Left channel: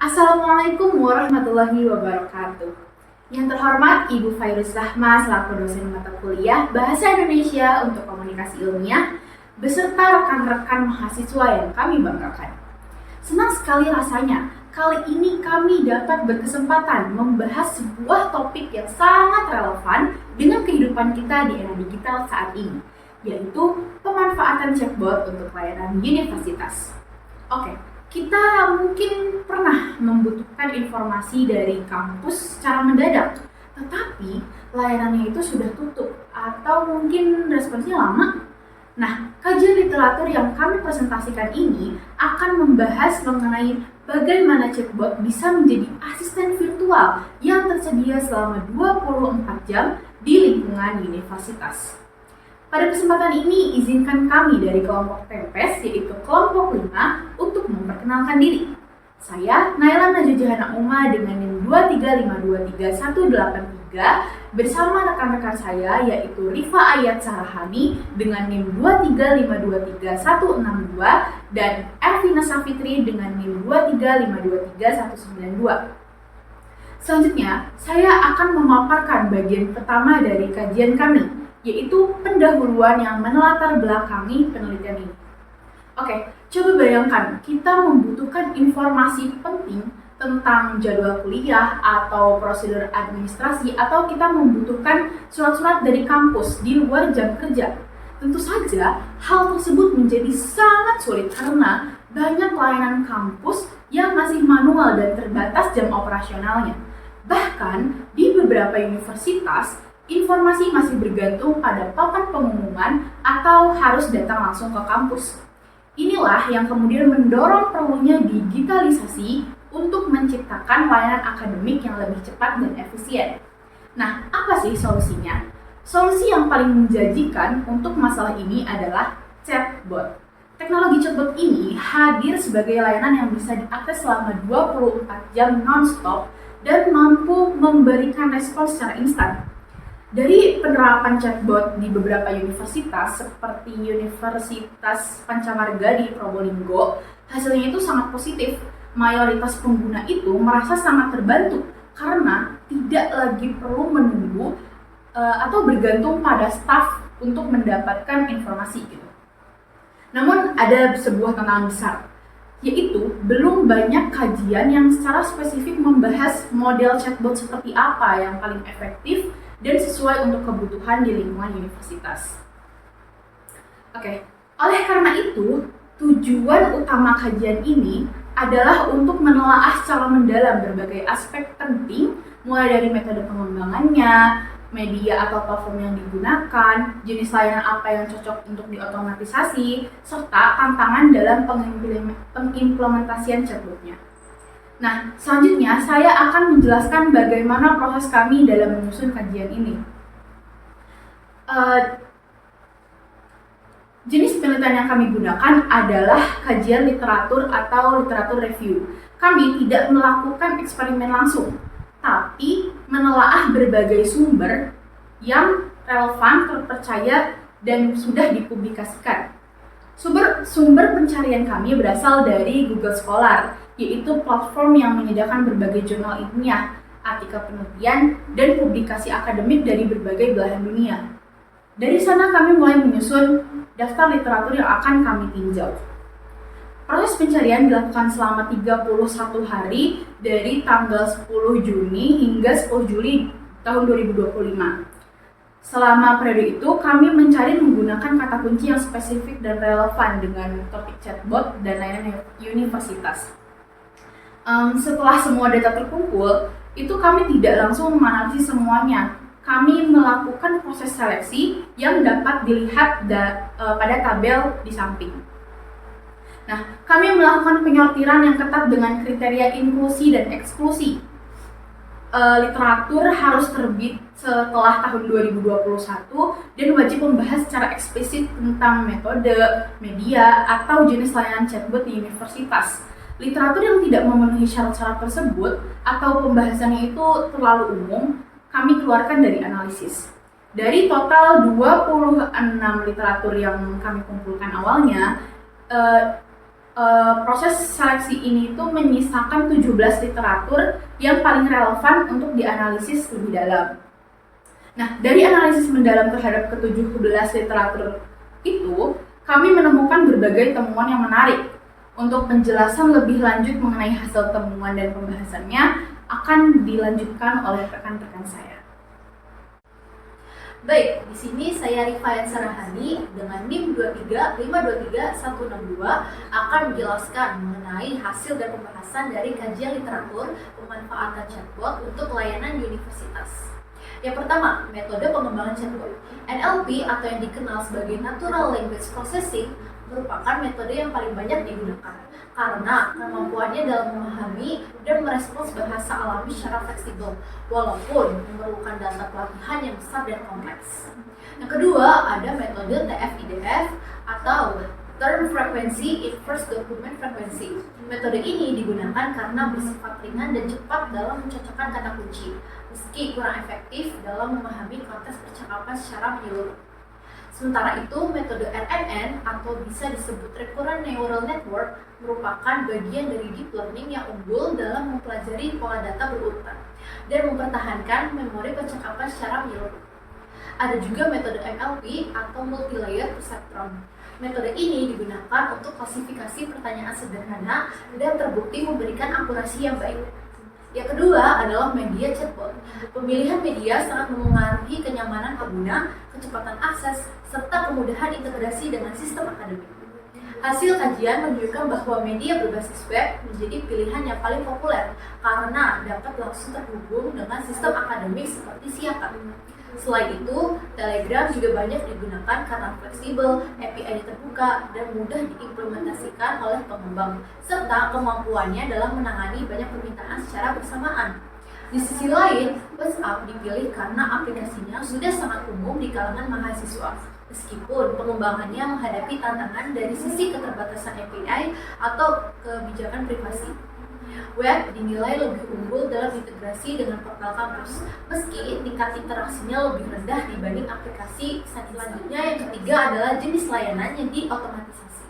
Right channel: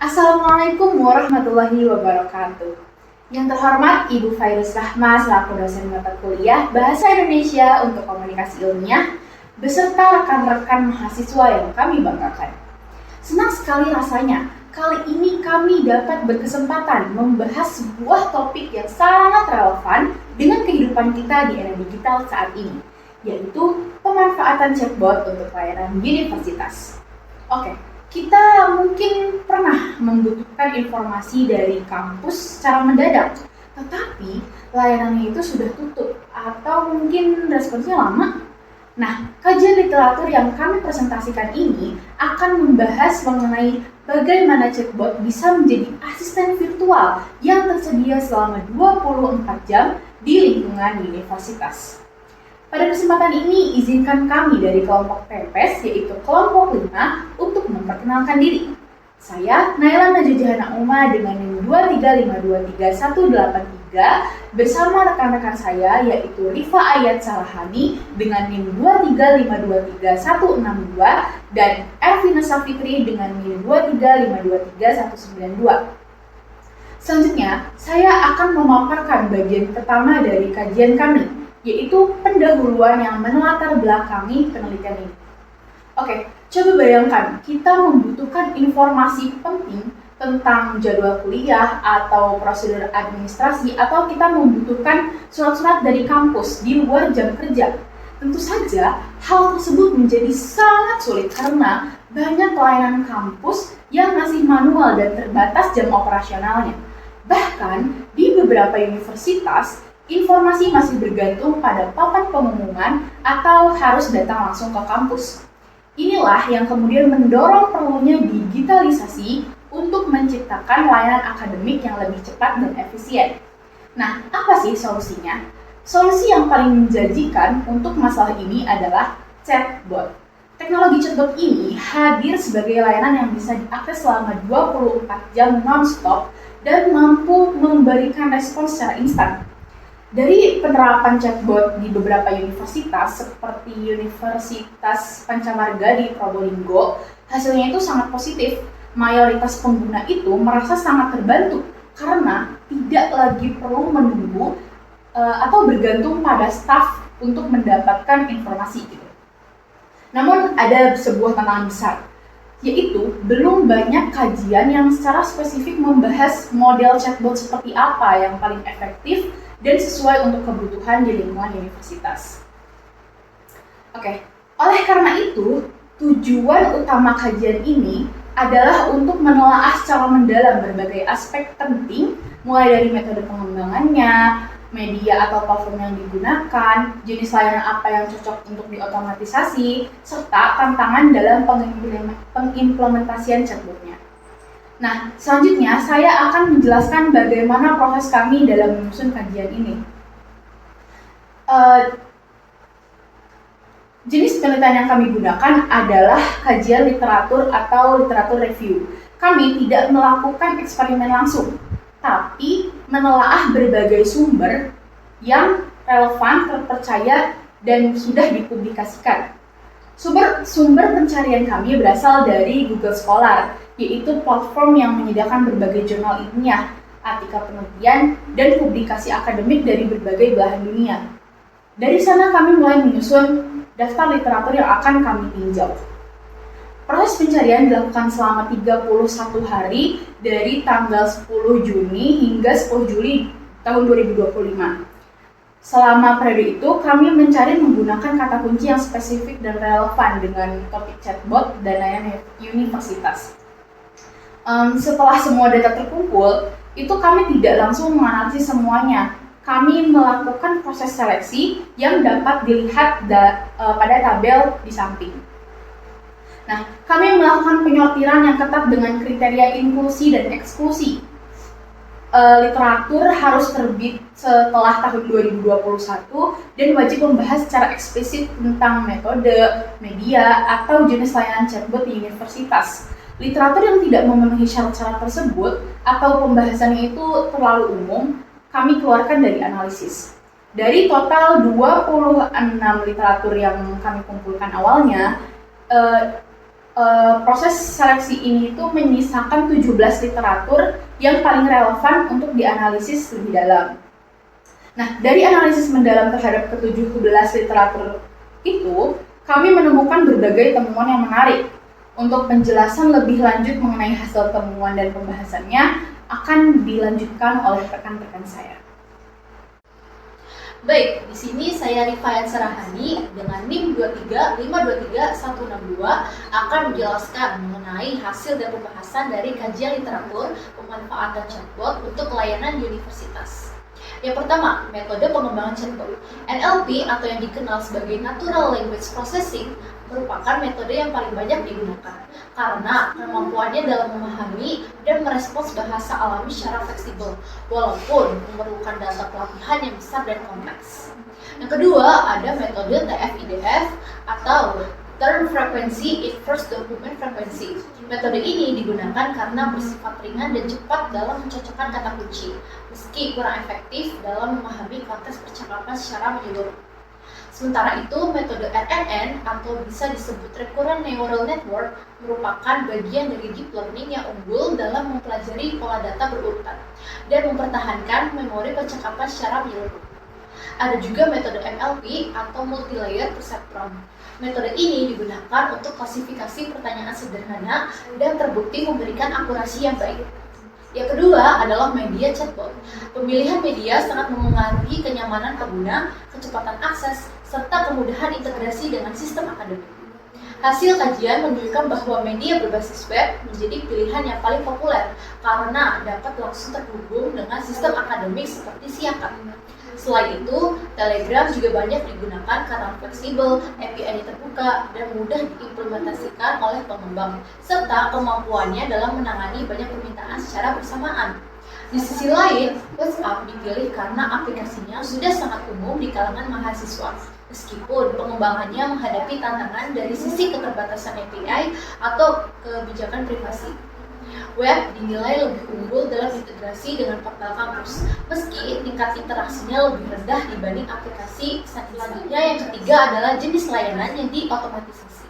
Assalamualaikum warahmatullahi wabarakatuh. Yang terhormat Ibu Fairuz Rahma selaku dosen mata kuliah Bahasa Indonesia untuk Komunikasi Ilmiah beserta rekan-rekan mahasiswa yang kami banggakan. Senang sekali rasanya kali ini kami dapat berkesempatan membahas sebuah topik yang sangat relevan dengan kehidupan kita di era digital saat ini, yaitu pemanfaatan chatbot untuk layanan universitas. Oke, kita mungkin pernah membutuhkan informasi dari kampus secara mendadak, tetapi layanannya itu sudah tutup atau mungkin responsnya lama. Nah, kajian literatur yang kami presentasikan ini akan membahas mengenai bagaimana chatbot bisa menjadi asisten virtual yang tersedia selama 24 jam di lingkungan universitas. Pada kesempatan ini, izinkan kami dari kelompok TEMPES, yaitu kelompok 5, untuk memperkenalkan diri. Saya, Naila Najujahana Uma dengan NIM 235233183 bersama rekan-rekan saya, yaitu Rifa Ayat Sarahani dengan NIM 235233162 dan Ervina Safitri dengan NIM 235233192. Selanjutnya, saya akan memaparkan bagian pertama dari kajian kami, yaitu pendahuluan yang menelatar belakangi penelitian ini. Oke, coba bayangkan kita membutuhkan informasi penting tentang jadwal kuliah atau prosedur administrasi, atau kita membutuhkan surat-surat dari kampus di luar jam kerja. Tentu saja hal tersebut menjadi sangat sulit karena banyak layanan kampus yang masih manual dan terbatas jam operasionalnya. Bahkan di beberapa universitas, informasi masih bergantung pada papan pengumuman atau harus datang langsung ke kampus. Inilah yang kemudian mendorong perlunya digitalisasi untuk menciptakan layanan akademik yang lebih cepat dan efisien. Nah, apa sih solusinya? Solusi yang paling menjanjikan untuk masalah ini adalah chatbot. Teknologi chatbot ini hadir sebagai layanan yang bisa diakses selama 24 jam non-stop dan mampu memberikan respons secara instan. Dari penerapan chatbot di beberapa universitas seperti Universitas Pancamarga di Probolinggo, hasilnya itu sangat positif. Mayoritas pengguna itu merasa sangat terbantu karena tidak lagi perlu menunggu atau bergantung pada staf untuk mendapatkan informasi gitu. Namun ada sebuah tantangan besar, yaitu belum banyak kajian yang secara spesifik membahas model chatbot seperti apa yang paling efektif dan sesuai untuk kebutuhan di lingkungan universitas. Oke, oleh karena itu, tujuan utama kajian ini adalah untuk menelaah secara mendalam berbagai aspek penting, mulai dari metode pengembangannya, media atau platform yang digunakan, jenis layanan apa yang cocok untuk diotomatisasi, serta tantangan dalam pengimplementasian chatbotnya. Nah, selanjutnya saya akan menjelaskan bagaimana proses kami dalam menyusun kajian ini. Jenis penelitian yang kami gunakan adalah kajian literatur atau literatur review. Kami tidak melakukan eksperimen langsung, tapi menelaah berbagai sumber yang relevan, terpercaya, dan sudah dipublikasikan. Sumber pencarian kami berasal dari Google Scholar, yaitu platform yang menyediakan berbagai jurnal ilmiah, artikel penelitian, dan publikasi akademik dari berbagai belahan dunia. Dari sana kami mulai menyusun daftar literatur yang akan kami tinjau. Proses pencarian dilakukan selama 31 hari dari tanggal 10 Juni hingga 10 Juli tahun 2025. Selama periode itu, kami mencari menggunakan kata kunci yang spesifik dan relevan dengan topik chatbot dan layanan universitas. Setelah semua data terkumpul, itu kami tidak langsung menganalisis semuanya. Kami melakukan proses seleksi yang dapat dilihat pada tabel di samping. Nah, kami melakukan penyortiran yang ketat dengan kriteria inklusi dan eksklusi. Literatur harus terbit setelah tahun 2021 dan wajib membahas secara eksplisit tentang metode, media, atau jenis layanan chatbot di universitas. Literatur yang tidak memenuhi syarat-syarat tersebut atau pembahasannya itu terlalu umum, kami keluarkan dari analisis. Dari total 26 literatur yang kami kumpulkan awalnya, proses seleksi ini itu menyisakan 17 literatur yang paling relevan untuk dianalisis lebih dalam. Nah, dari analisis mendalam terhadap ke-17 literatur itu, kami menemukan berbagai temuan yang menarik. Untuk penjelasan lebih lanjut mengenai hasil temuan dan pembahasannya akan dilanjutkan oleh rekan-rekan saya. Baik, di sini saya Rifayan Sarahani dengan NIM 235233162 akan menjelaskan mengenai hasil dan pembahasan dari kajian literatur pemanfaatan chatbot untuk layanan universitas. Yang pertama, metode pengembangan chatbot. NLP atau yang dikenal sebagai Natural Language Processing merupakan metode yang paling banyak digunakan karena kemampuannya dalam memahami dan merespons bahasa alami secara fleksibel walaupun memerlukan data pelatihan yang besar dan kompleks. Yang kedua, ada metode TF-IDF atau Term Frequency Inverse Document Frequency. Metode ini digunakan karena bersifat ringan dan cepat dalam mencocokkan kata kunci, meski kurang efektif dalam memahami konteks percakapan secara menyeluruh. Sementara itu, metode RNN atau bisa disebut Recurrent Neural Network merupakan bagian dari deep learning yang unggul dalam mempelajari pola data berurutan dan mempertahankan memori percakapan secara menyeluruh. Ada juga metode MLP atau Multi-Layer Perceptron. Metode ini digunakan untuk klasifikasi pertanyaan sederhana dan terbukti memberikan akurasi yang baik. Yang kedua adalah media chatbot. Pemilihan media sangat memengaruhi kenyamanan pengguna, kecepatan akses, serta kemudahan integrasi dengan sistem akademik. Hasil kajian menunjukkan bahwa media berbasis web menjadi pilihan yang paling populer karena dapat langsung terhubung dengan sistem akademik seperti Siakat. Selain itu, Telegram juga banyak digunakan karena fleksibel, API-nya terbuka, dan mudah diimplementasikan oleh pengembang, serta kemampuannya dalam menangani banyak permintaan secara bersamaan. Di sisi lain, WhatsApp dipilih karena aplikasinya sudah sangat umum di kalangan mahasiswa, meskipun pengembangannya menghadapi tantangan dari sisi keterbatasan API atau kebijakan privasi. Web dinilai lebih unggul dalam integrasi dengan portal kampus, meski tingkat interaksinya lebih rendah dibanding aplikasi. Selanjutnya, yang ketiga adalah jenis layanan yang diotomatisasi.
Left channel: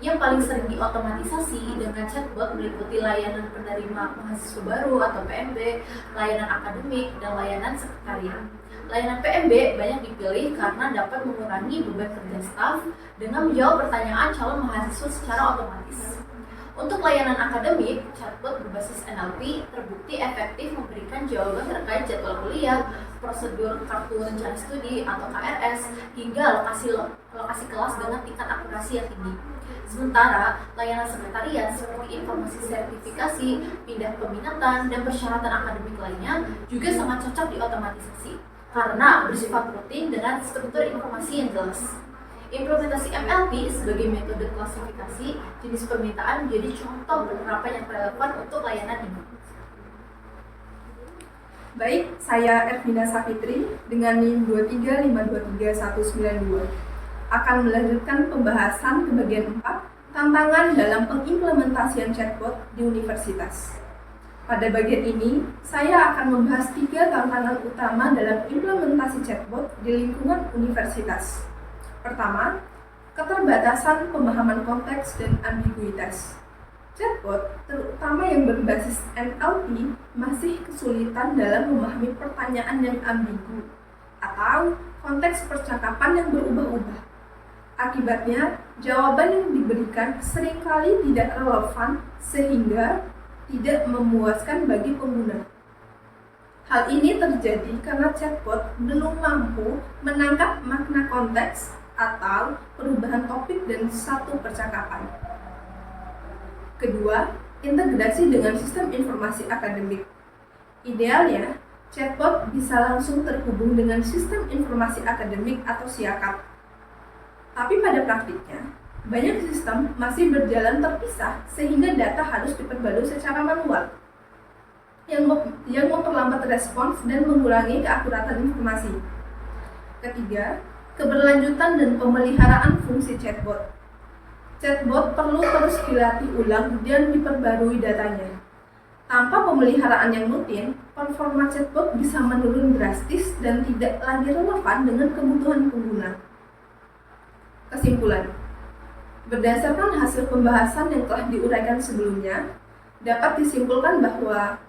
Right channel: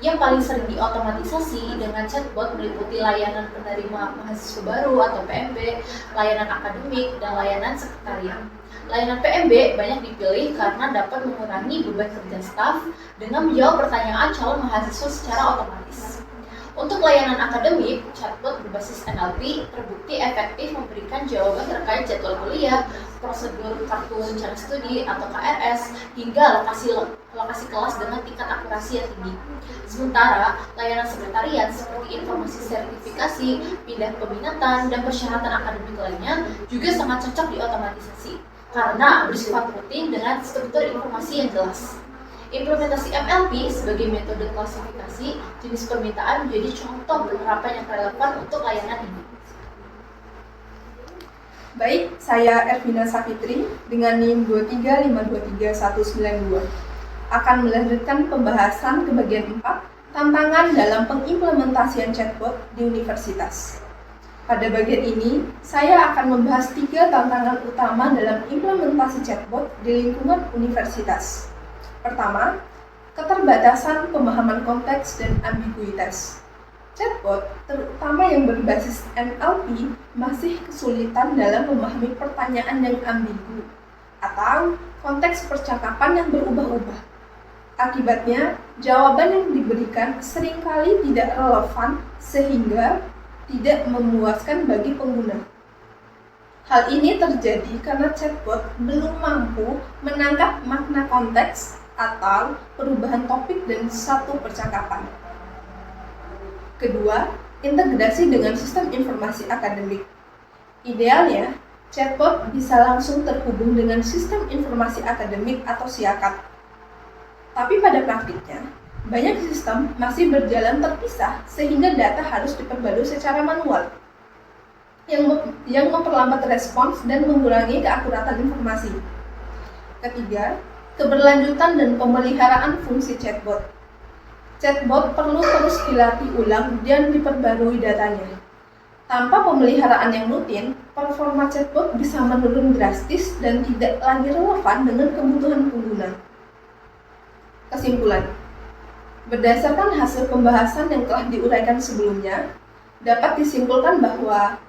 Yang paling sering diotomatisasi dengan chatbot meliputi layanan penerima mahasiswa baru atau PMB, layanan akademik, dan layanan sekretariat. Layanan PMB banyak dipilih karena dapat mengurangi beban kerja staf dengan menjawab pertanyaan calon mahasiswa secara otomatis. Untuk layanan akademik, chatbot berbasis NLP terbukti efektif memberikan jawaban terkait jadwal kuliah, prosedur kartu rencana studi atau KRS, hingga lokasi kelas dengan tingkat akurasi yang tinggi. Sementara, layanan sekretariat seperti informasi sertifikasi, pindah peminatan, dan persyaratan akademik lainnya juga sangat cocok diotomatisasi karena bersifat rutin dengan struktur informasi yang jelas. Implementasi MLP sebagai metode klasifikasi jenis permintaan menjadi contoh penerapan yang relevan untuk layanan ini. Baik, saya Ervina Safitri dengan NIM 235233192 akan melanjutkan pembahasan ke bagian 4, tantangan dalam pengimplementasian chatbot di universitas. Pada bagian ini, saya akan membahas 3 tantangan utama dalam implementasi chatbot di lingkungan universitas. Pertama, keterbatasan pemahaman konteks dan ambiguitas. Chatbot, terutama yang berbasis NLP, masih kesulitan dalam memahami pertanyaan yang ambigu atau konteks percakapan yang berubah-ubah. Akibatnya, jawaban yang diberikan seringkali tidak relevan sehingga tidak memuaskan bagi pengguna. Hal ini terjadi karena chatbot belum mampu menangkap makna konteks atau perubahan topik dan satu percakapan. Kedua, integrasi dengan sistem informasi akademik. Idealnya, chatbot bisa langsung terhubung dengan sistem informasi akademik atau Siakat. Tapi pada praktiknya, banyak sistem masih berjalan terpisah sehingga data harus diperbarui secara manual, yang memperlambat respons dan mengurangi keakuratan informasi. Ketiga, keberlanjutan dan pemeliharaan fungsi chatbot. Chatbot perlu terus dilatih ulang dan diperbarui datanya. Tanpa pemeliharaan yang rutin, performa chatbot bisa menurun drastis dan tidak lagi relevan dengan kebutuhan pengguna. Kesimpulan, Berdasarkan hasil pembahasan yang telah diuraikan sebelumnya, dapat disimpulkan bahwa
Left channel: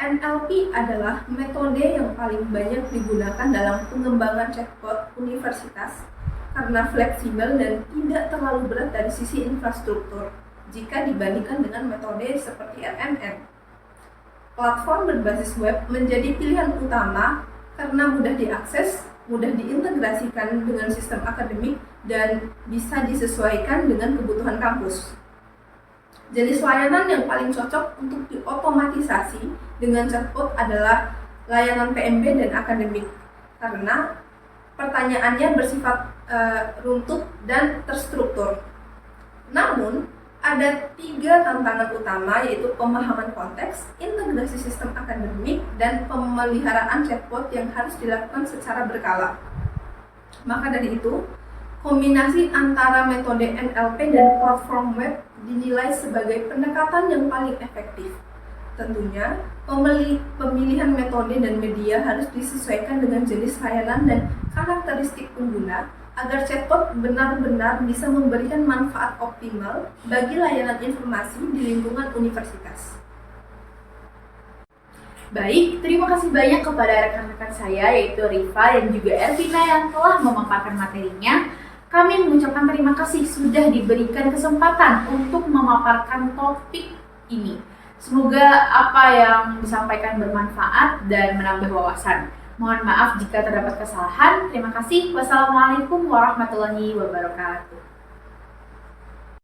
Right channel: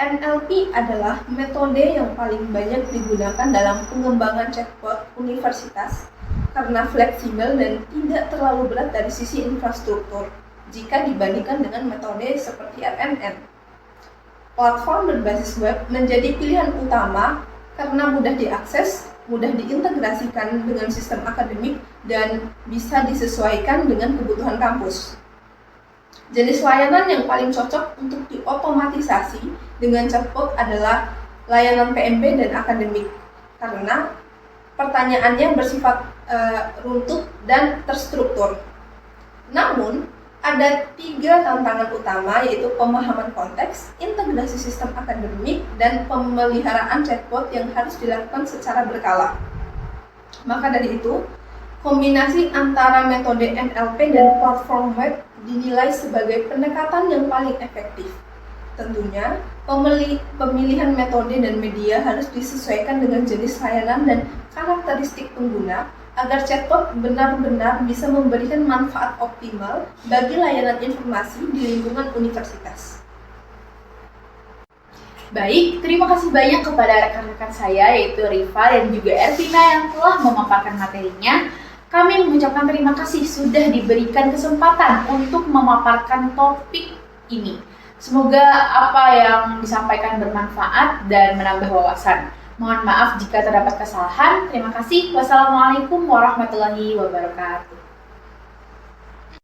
NLP adalah metode yang paling banyak digunakan dalam pengembangan chatbot universitas karena fleksibel dan tidak terlalu berat dari sisi infrastruktur jika dibandingkan dengan metode seperti RNN. Platform berbasis web menjadi pilihan utama karena mudah diakses, mudah diintegrasikan dengan sistem akademik, dan bisa disesuaikan dengan kebutuhan kampus. Jenis layanan yang paling cocok untuk diotomatisasi dengan chatbot adalah layanan PMB dan akademik karena pertanyaannya bersifat runtut dan terstruktur. Namun, ada 3 tantangan utama yaitu pemahaman konteks, integrasi sistem akademik, dan pemeliharaan chatbot yang harus dilakukan secara berkala. Maka dari itu, kombinasi antara metode NLP dan platform web dinilai sebagai pendekatan yang paling efektif. Tentunya, pemilihan metode dan media harus disesuaikan dengan jenis layanan dan karakteristik pengguna agar chatbot benar-benar bisa memberikan manfaat optimal bagi layanan informasi di lingkungan universitas. Baik, terima kasih banyak kepada rekan-rekan saya yaitu Rifa dan juga Ervina yang telah memaparkan materinya. Kami mengucapkan terima kasih sudah diberikan kesempatan untuk memaparkan topik ini. Semoga apa yang disampaikan bermanfaat dan menambah wawasan. Mohon maaf jika terdapat kesalahan. Terima kasih. Wassalamualaikum warahmatullahi wabarakatuh.